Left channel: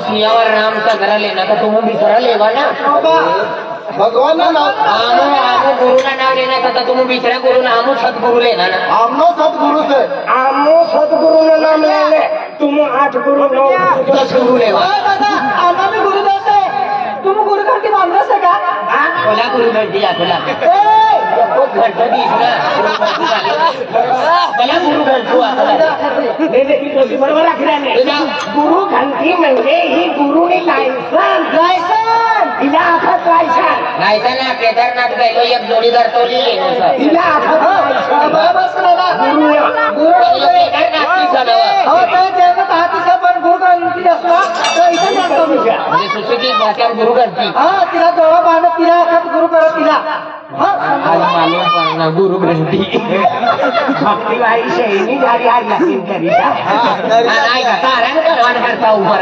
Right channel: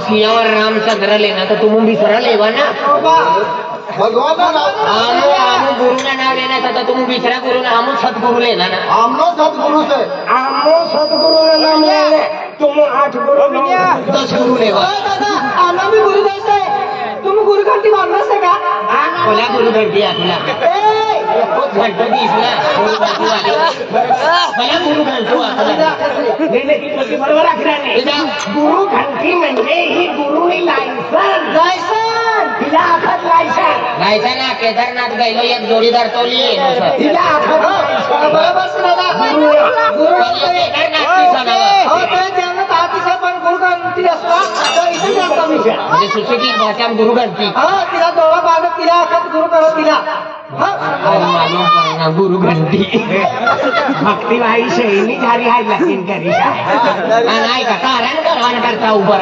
सियावर रामचा घरा लेना तो तुम बिसरा लेवा ना भगवान ना नाम आमो आमो गुरु ना नाम लेना था तुम बिसरा गुरु ना आमो सतगुरु लेना ना आमनो सतगुरु से आमो सतगुरु ना नाम ले तुम 8 गुरु 9 10 गुरु लेवा दादा आम्हा भी गुरु दोस्त आहे तुम गुरु घंटी मानलास का बोला गुरु घंटी आखला घंटी इसला बोला गुरु घंटी आखला नाही बरोबर आखला नाही गुरु घंटी म्हणजे ही गुरुने लायसन हिला आखत लायसन ना केदारनाथ गैलो एक जोडीदार तो लिहिले हिला आखत बरोबर सुनाला गुरु केदारनाथची सणावा हो काय देव बाकीचा पण गुरु घंटी असतो तर इथे जातो मी म्हणजे सुशिक्षित भाषा गुरु घंटी हा तिला दोघं बांधत तिला गुरु परत तिला गुरु घंटी भक्तिवाही शैली झाली आहे बाकीन करी नाही का कारण करवान करता उभा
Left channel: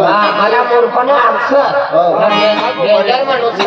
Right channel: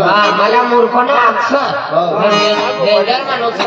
मला मूर्खपणा डेंजर माणूस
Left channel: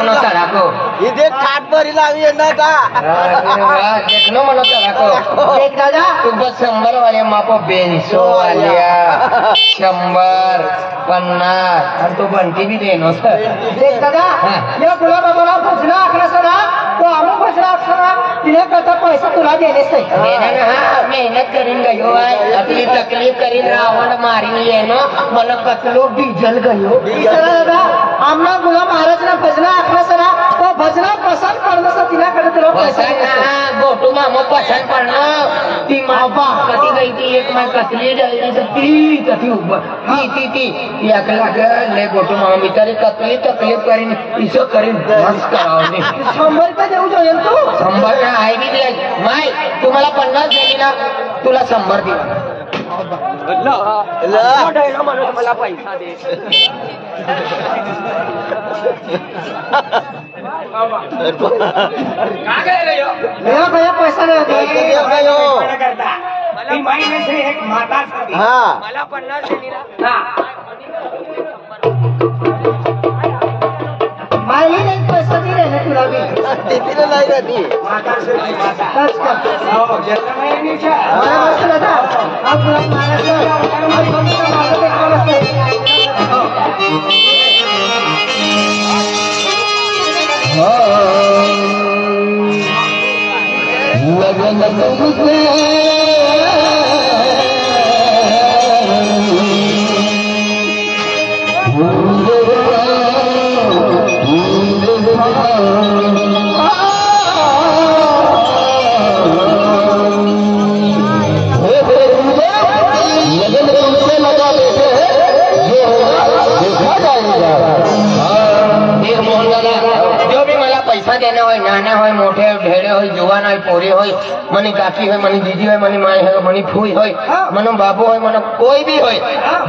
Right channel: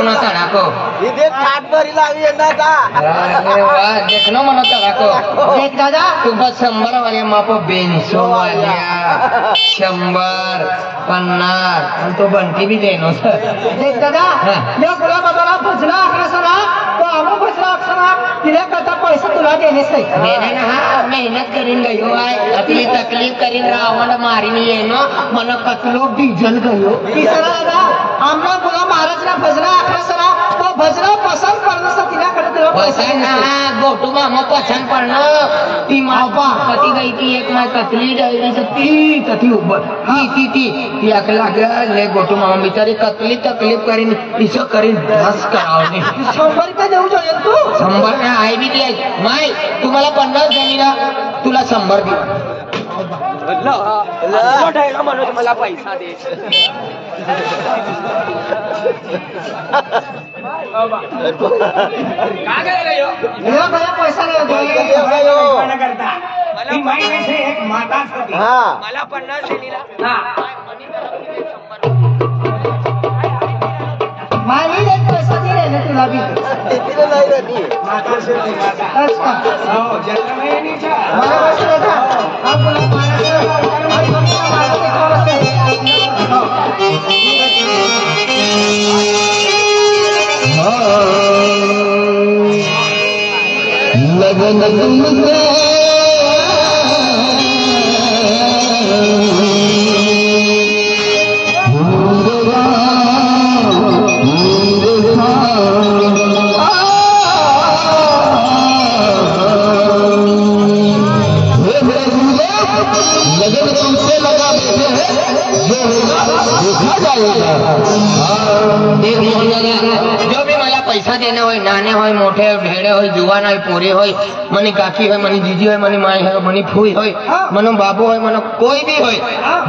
देखनो तड़ाको इथे काट भरी लावी येणार का अरे वाह देखनो मनो तड़ाको देख दादा तू बस 100 वाले मापो 200 वालिया 100 50 आणि तो बंटी भी देनो सर देख दादा या गुला बाबाला भजला अकरा तो आम्ही भजला अकरा तिने कथा पैसा तुला देणेच नाही मैंने कहा मेहनत करीन गयो है अपनी तकलीफ करीन रावण मारीन लेनो मनो कतलो डीजल गयो तिसरा दादा आपला गुला महाराजने भजला अकरा तो भजला पसंत करणं तिच्याकडे तुला पैसा पसंद गोटू मामा पसंद करणं ती मापा कती गई थी एक मैं कतली डाली ती कती ऊपर ती या लागल ले गोटू मामा मी तरी कतली तकलीफ करीन इसो करीन बस करावने 100 रुपये देऊ जोयन तू 100 ना आहे नाही माय तुम्हाला 50 दिली ना तुला 100 दिला मला पैसा दे काय करायला देवा मला पैसा नाही करता ती माहिती से एक माता होती हा मला 50 दिली ना हा माही एक पैसा दिले ना तुला बी तिथे नाही का ती माता शेती माता अच्छा हो जन्मयनीच्या आपला जो भी मला पैसा देना होय नाना होय मोठे भेड़े होय जुवान होय पोरी होय मनी काकी होय मनी जीजी होय मनी माय होय मनी फूई होय मनो बाबू होय मनो कोई भी होय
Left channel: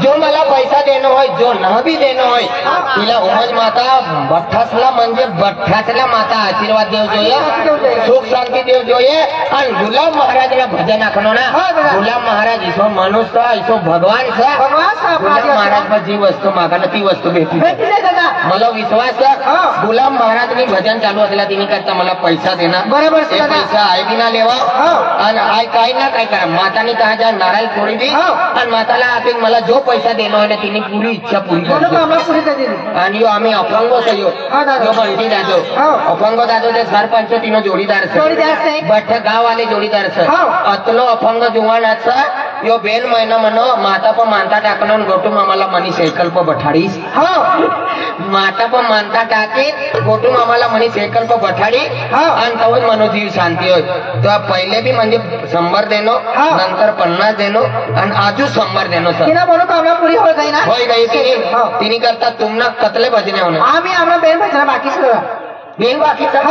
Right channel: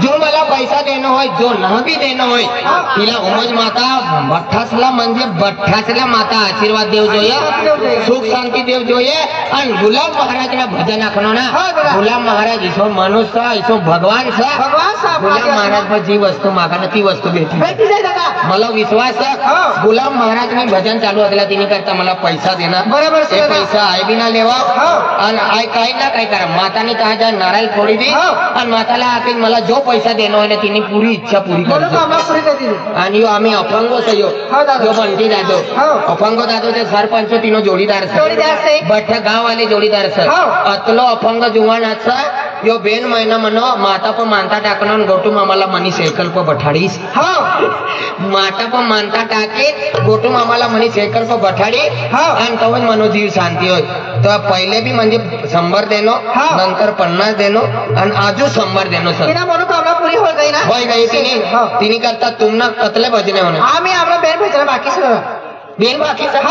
जो मला पैसा देणं होय जो न भी देणं होय तिला उमज माता बठ्ठासला म्हणजे बठ्ठासला माता आशीर्वाद देव જોઈએ सुख शांति देव જોઈએ आणि गुलाब महाराज ला भजन आखनो ना गुलाब महाराज इसो मनुष्य इसो भगवान सा गुलाब महाराज पर जी वस्तू मागा ती वस्तू भेटली मला विश्वास आहे गुलाम महाराज ने भजन चालू असला तिने करता मला पैसा देणार बरोबर ते पैसा आय बी ना लेवा आणि आय काय ना काय करा मातानी काय जा नारायण फोडी दी आणि माताला आपण मला जो पैसा देणार आहे तिने पुरी इच्छा पुरी करतो आणि यो आम्ही अपंग सयो जो बंटी दादो अपंग दादो ते सरपंच तिनो जोडीदार बठ गाव वाले जोडीदार सर अतलो अपंग जुवान असा यो बेन महिना मनो माता पण मानता टाकणं गोटू मामाला मनी सायकल पर बठाडीस माता पण मानता टाके गोटू मामाला म्हणे सायकल पर बठाडी आणि तो मनो जीव शांती होय तो पहिले बी म्हणजे 100 देनो नंतर 50 देनो आणि आजू 100 देनो सर पुरी हो गई ना होय गई तिने करता तुमना कतले भजने होणे आम्ही आपला बेन भजन बाकी बेन बाकी सर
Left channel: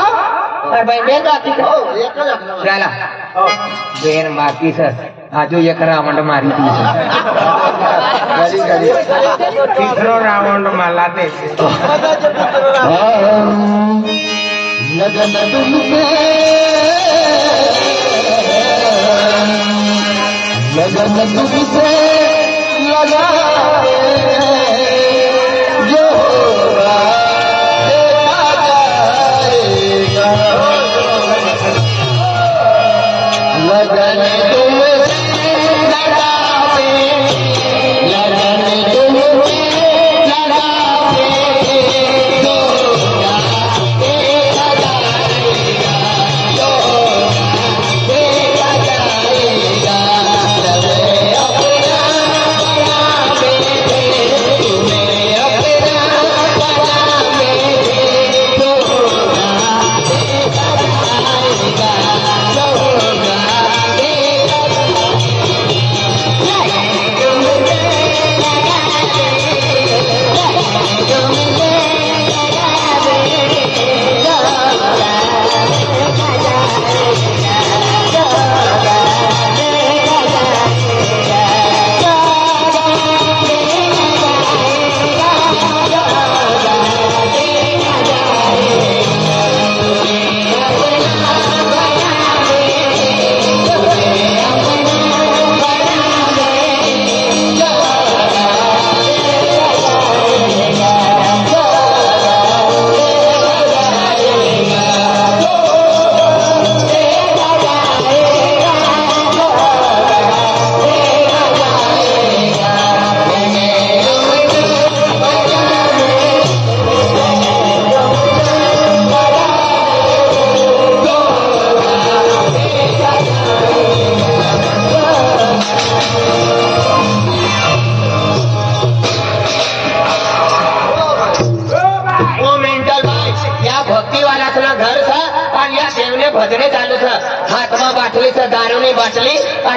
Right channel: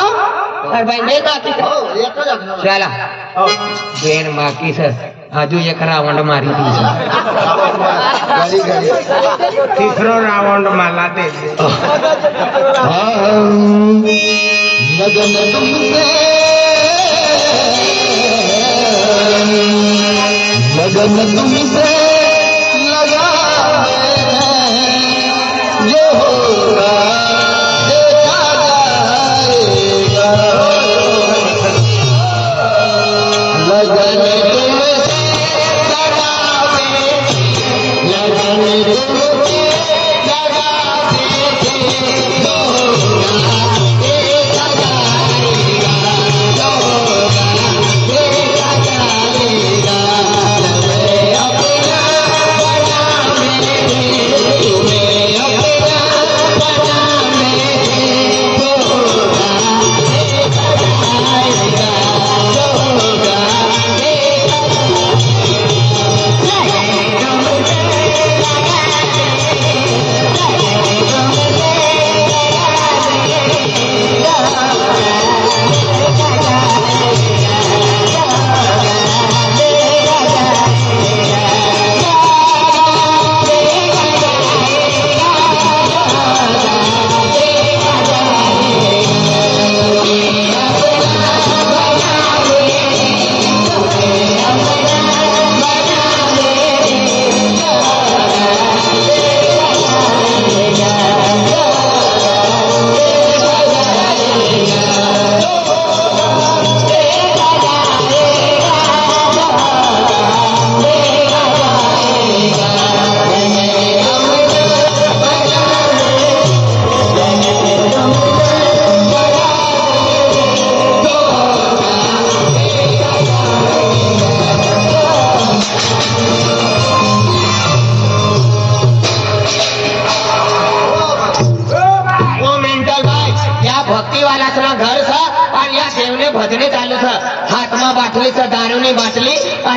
बेन बाकी हो एकच लागणार चला बेन बाकी सर आजू एक रावण मारी ती तिसरो रावण मला ते लगन तुमसे लगन तुमसे लगा जो होगा देखा जाएगा लगन तुमसे लगाते लगन तुमसे लगाते जो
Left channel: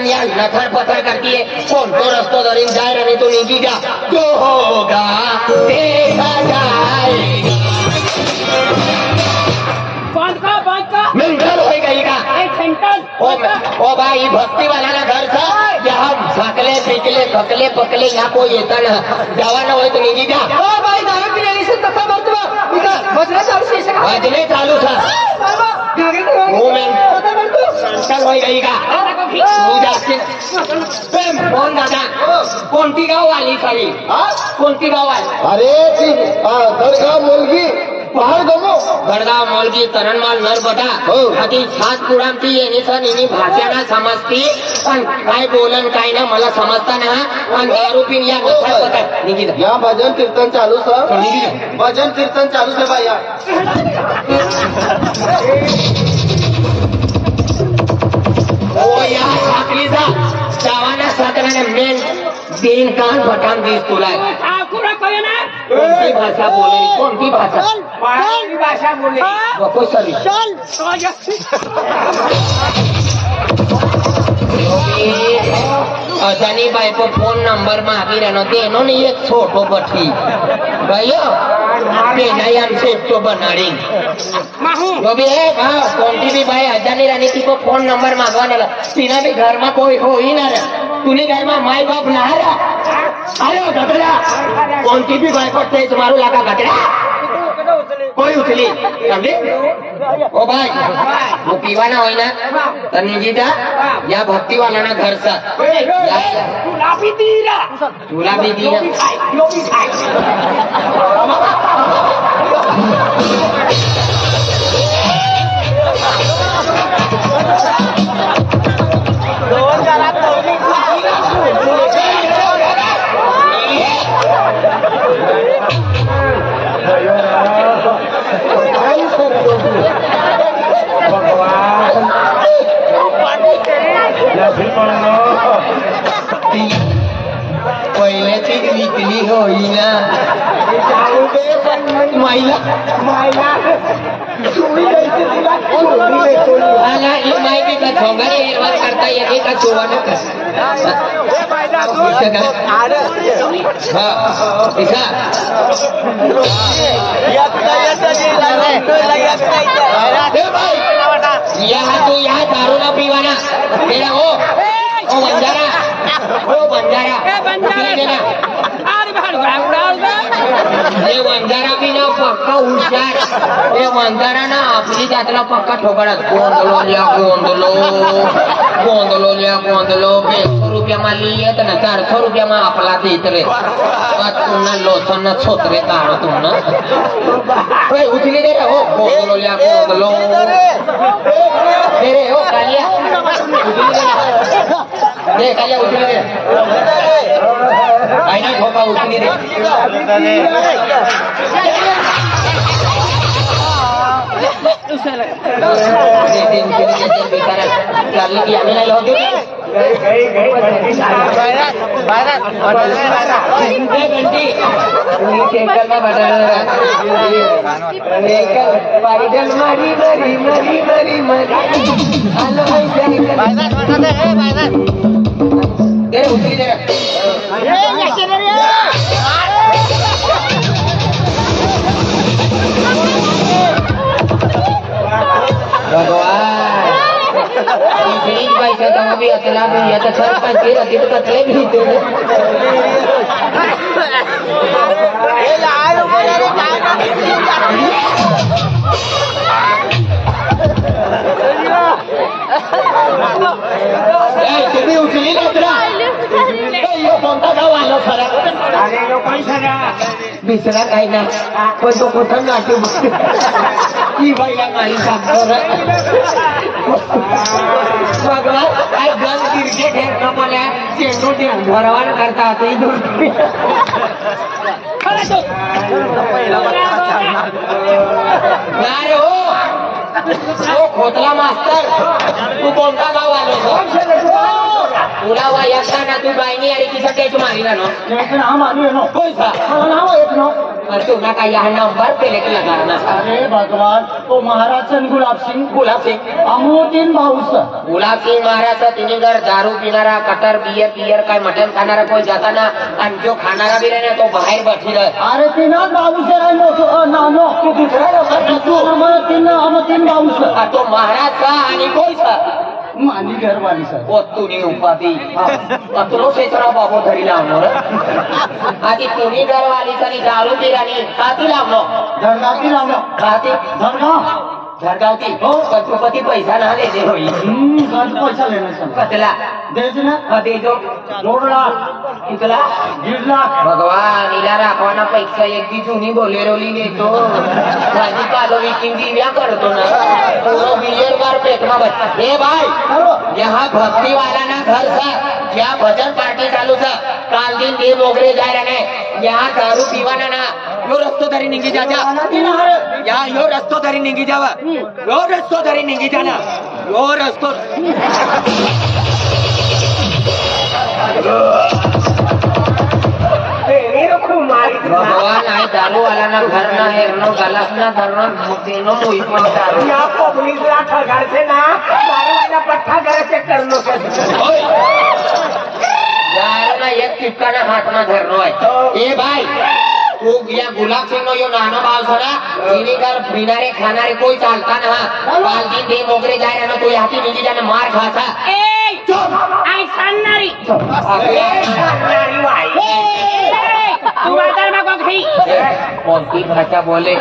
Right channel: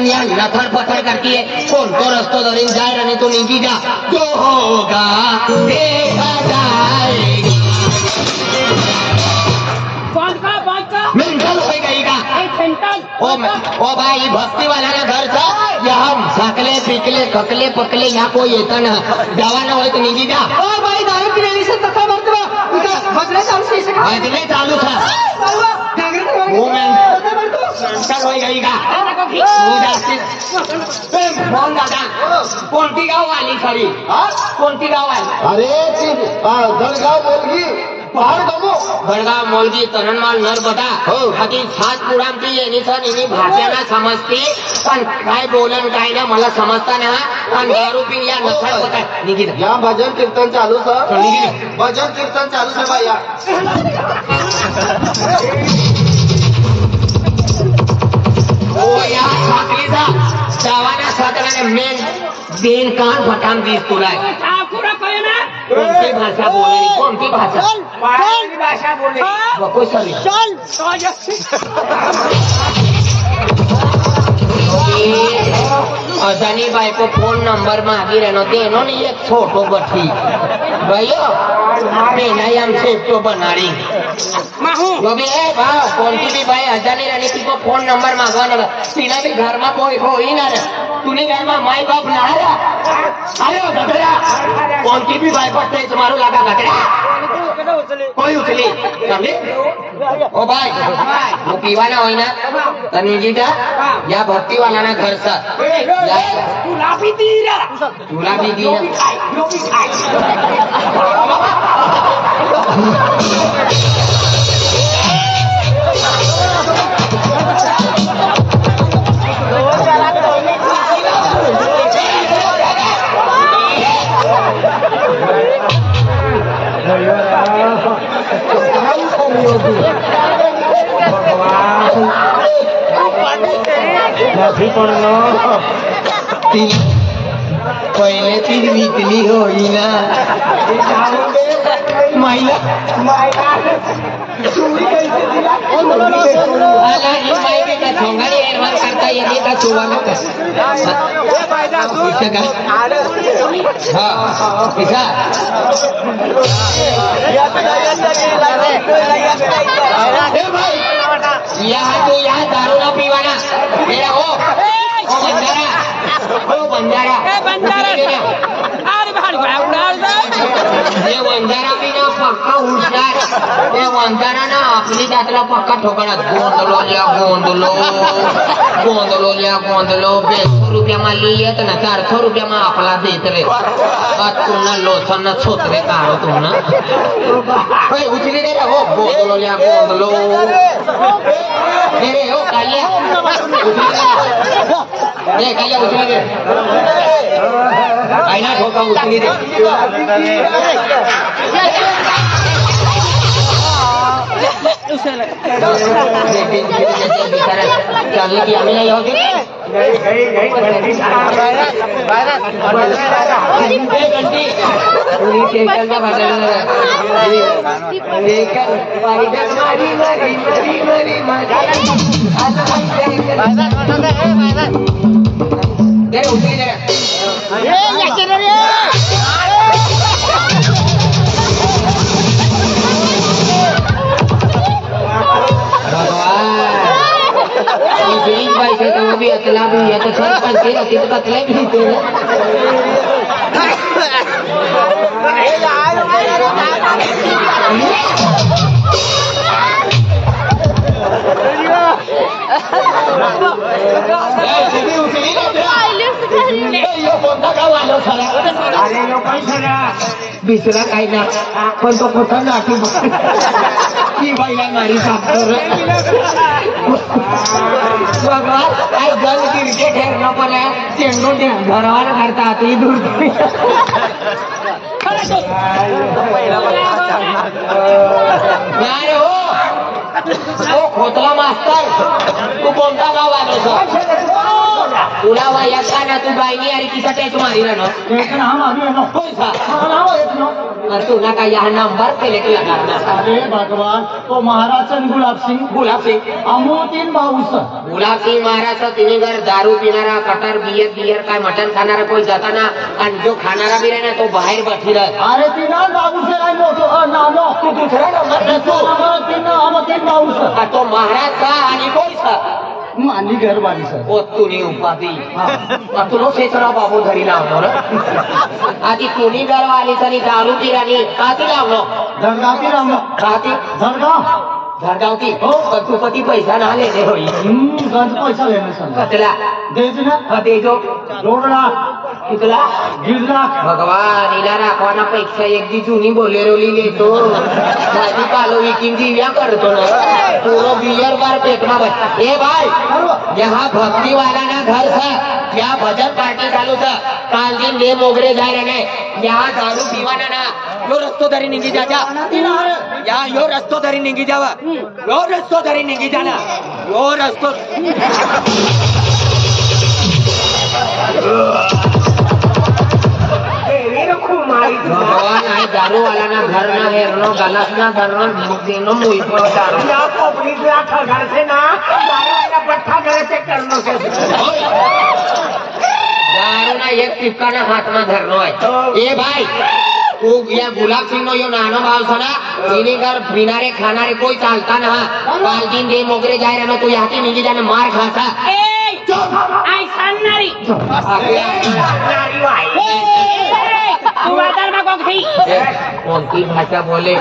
आणि या लथार पथार करतीये कोणतो रस्तो धरीन जाय आणि तू निघी जा जो होगा देखा जाएगा बांध का मेंटल हो गई का सेंटल ओ भाई भक्ति वाला ना घर था यहाँ झाकले पिकले थकले पकले यहाँ कोई येता ना जवान हो तो निघी जा भाई दारू पिण्याने से तसा बघतो भजना चालू से भजने चालू था चल हो गई का फोन दादा कोणती गाव आली खरी कोणती गाव आली अरे दरगाव मुलगी पहाड गमो गडगाव मोलगी तरणमाल नर्मदा आधी सात पुरांती येणे सण इनी भाषेला समजती पण काय बोलन काय ना मला समजता ना पण दारू पिन या नसर होता निघी या भजन कीर्तन चालू सर भजन कीर्तन चालू से भैया ओ या साखलीचा जावाना सदराने मेन देन कान भटान दिस तुला आखुरा कळे ना कोणती भाषा बोलली कोणती भाषा कोणती भाषा बोलली नको सरी असानी बायको फोन नंबर मागी रहनो तेनो नहीं एक छोटो बठी भैया पेनाई हम सेफ्टो बनारी वो भी है कोणती भी भाई असानी रहनी थी को फोन नंबर मांगवा ना तीना भी घर में कोई हो ही ना तूने घर में माई बाप ना अरे घबरा कोणती भी भाई पड़ते तुम्हारो लागा घबरा कोई उचली कंडे ओ भाई वो पीवाना होई ना तनिजीदा या भक्ति वाला ना घर सा तुला भी दिला तुला भी दिया यो भी खाय पहिले ती विकली होई ना माहिती का ठोंगारी करता येते का तुम्हाला यहाँ तो यहाँ दारू ना पीवाना मेरा हो बंजारा वंजारा भी ना पक्का हुशार ये वंजारा ना आपली जात्रा पक्का ठोकड़ा गोंदलो गोंदलो 200 रुपया में लिए तो ना 400 रुपया में आपला देत रे पुन्हा लोसन न छोतरे काढो तुम्हाला उचली दे हो गोंदलो अरे हो कालिया ये कालिया उचली दे आईना ठोका उचली दे भी अतला भी है तो सरपंच के रखी तो अतले भी होते हैं बिसरा काही ना पण तो कुठं गाठू की बाईला माही सांगतो काही गज गिरजे ठेवणं पण चेंडू घरावर करतात खोतला मास्तर तू कोणता गाव आलो तुला वयस्का ना तू बाईनी आणि तिचा टेच मारी ना कोणता तुला काय यहाँ नंबर प्लेट लगाना अरे भगवान तो महाराज गुलाब सिंह अमोतीन भाऊस गुलाब सिंह महाराज तिने घर दारू पिणारा कटर बियर काय मटन खाणारा कोई जाता ना आणि जो खाणारा बी ना तो बाहेर बठी राहत अरे तिना भाऊस आहे नानो तू दुसरा नंबर तू अमोतीन भाऊस तो महाराज का आणि कोई सा मानी घरवाली सर ओ तुनी उपाधी तुलो क्षेत्र बाबू घरी लावलो आधी तुनी घरवाली तरी दारू पिराणी हाती लावलो धडगावती राम हाती धडगाव धडगावती हो पशुपती पैसा ना देते होई गंज पैसा लेणे सर कतला देज ना देजो 2 लाख कितला 1.5 लाख भगवान इला राखवाना पेक्षा एक दी जुनी बोलेरोली लेतो भाजी पालो विकिंग दिव्या करतो ना पूरा बियर बार फेकना बस ए भाई यहाँ भक्ति वाला ना घर था यहाँ भजन पार्टी चालू था काल दिन दे मोगरे जाए रहे यहाँ दारू पीवाना ना यो रस्तो धरी निघी जाजा यहाँ यो रस्तो धरी निघी जावा यो रस्तो धरी निघी जाना यो रस्तो भगवान आहे दारू वाला ना घर ना है नो गलत ना धरना देनो मुई ना पब्लिक ना घर से ना पट्टा घर से करनो के यार ना एक टिपकाना हाथ में धरनो है ए भाई तू या गुलाब सिंह नो यो नानो बाल सना इनी घर बिनारे खानारे कोई चालता ना काल दिन दे मोगरे जाए रहना तू यहाँ की निजी जाने मार खाता आई सन्नारी तू वादळ मागो घरी कोणती भाषा बोले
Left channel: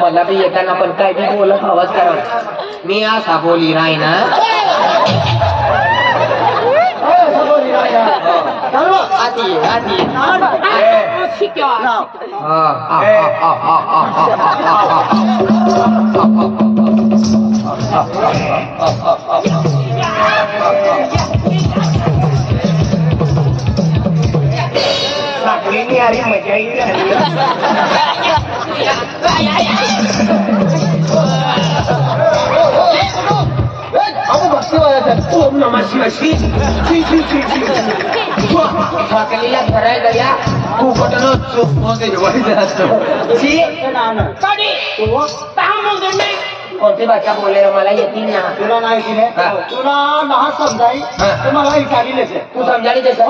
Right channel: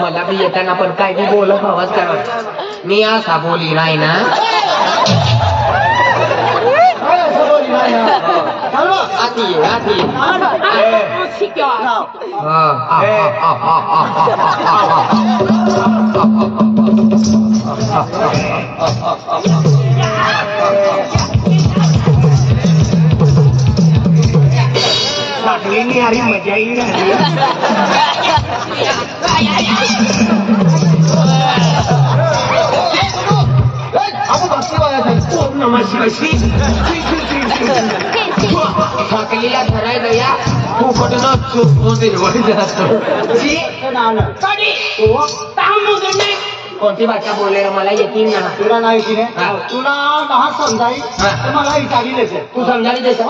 मला बी येताना पण काय बी बोलत हवंच करावं मी असा बोली नाही ना आती आती शिक्यो नहीं आ रही मजा ही नहीं ओम नमः शिवाय फाकलीला धराय गया फुकटनो चुपमध्ये कोणती भाषा बोलले मला येतील ना तुला नाही की तुला लहान समजाई तुम्हाला इटाली लेते तू समजाली देश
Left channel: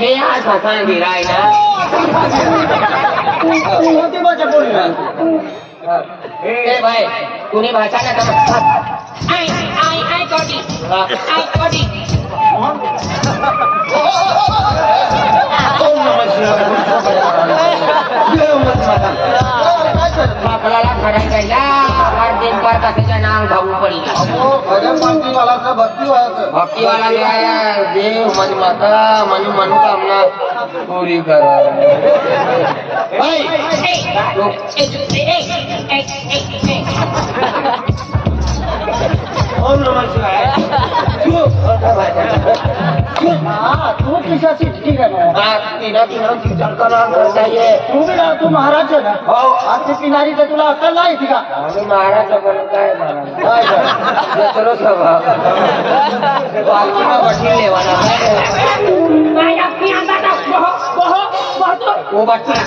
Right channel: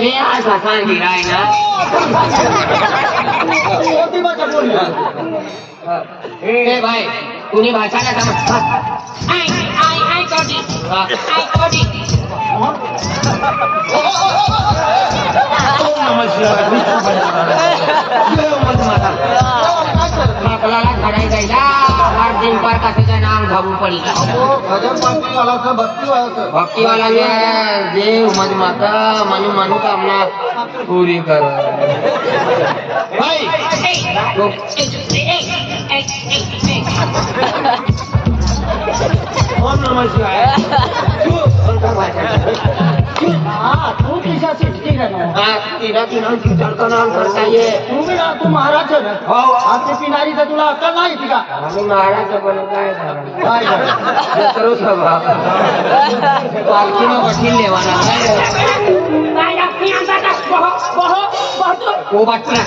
मी आज भाषा गिराय ना कोणती भाषा बोलली ए भाई तूने भाषा ना समज आई कोडी फाकलाला धराय गया हर दिन पर कशाच्या नाम घाऊ पडली भजन पार्टी वाला था भक्ति वाला था भक्ति वाला जो है देव मन माता मन मनोकामना पूरी करो भाई ओम नमः शिवाय तू किसा चिटकी तिला चिचर करणार करता ये तू भी ना तू महाराज है ना आरती पिनारी तर तुला अक्कल नाही का आणि महाराज पण काय जत्रो सभा पालखीनं बठी लेवाना काय लागती आता बहुत वो बाटला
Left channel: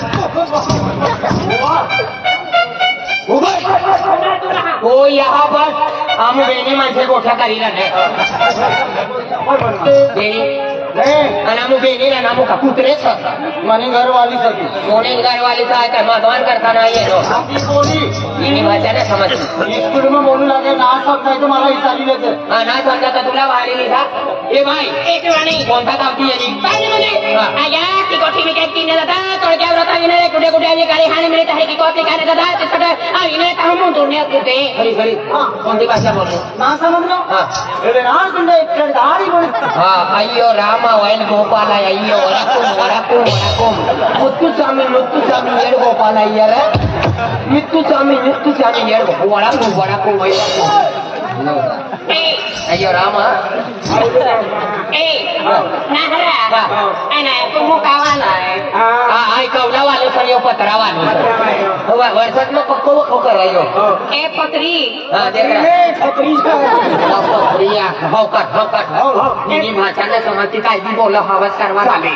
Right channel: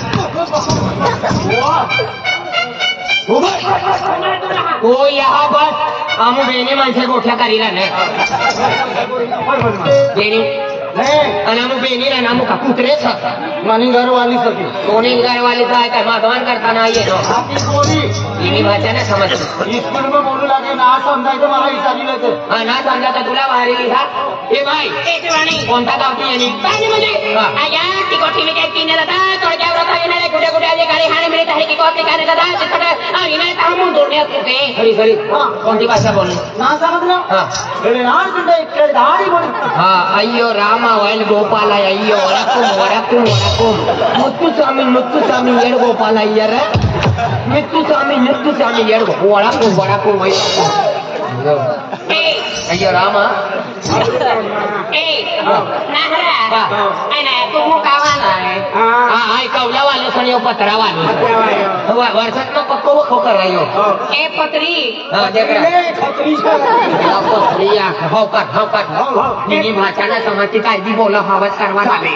वो यहाँ पर हम बेनी माणसे गोठ्या करीला नाही बेनी आणि आम्ही बेनी ना नामू का कुत्रेच मनी घरवाली सकी दोन्ही घरवाले तर आता मागवान करताना येतो आपली बोली तिने भाषा नाही समजतो स्कूल में बोलू लागे ना समजायचं मला इटाली लेते हा ना समजा तर तुला बाहेर लिहा ए भाई कोणता गावठी यांनी आया ती कोठी में केक पीने लगा थोड़े व्रत इने कुठे कुठे अधिकारी हाने मिळत आहे की कॉफी खाने लगा तिकडे आणि इने तामू दुनिया करते खरी खरी कोणती भाषा बोलू ना समजलं हा अरे ना तुंडे इकडे दाढी बोली हा अय्यो रामा वैन गोपाल अय्यो वडकून मुत्तुस्वामी येड गोपाल अय्यर नित्तुस्वामी येड वडकून अय्यो रामा कवला वाले सण यो पत्रा वाले वर्षात मग पक्को बक्को करायो ए पत्री हौकात भाषा ना समजती काय बोला हवं सर्वात आले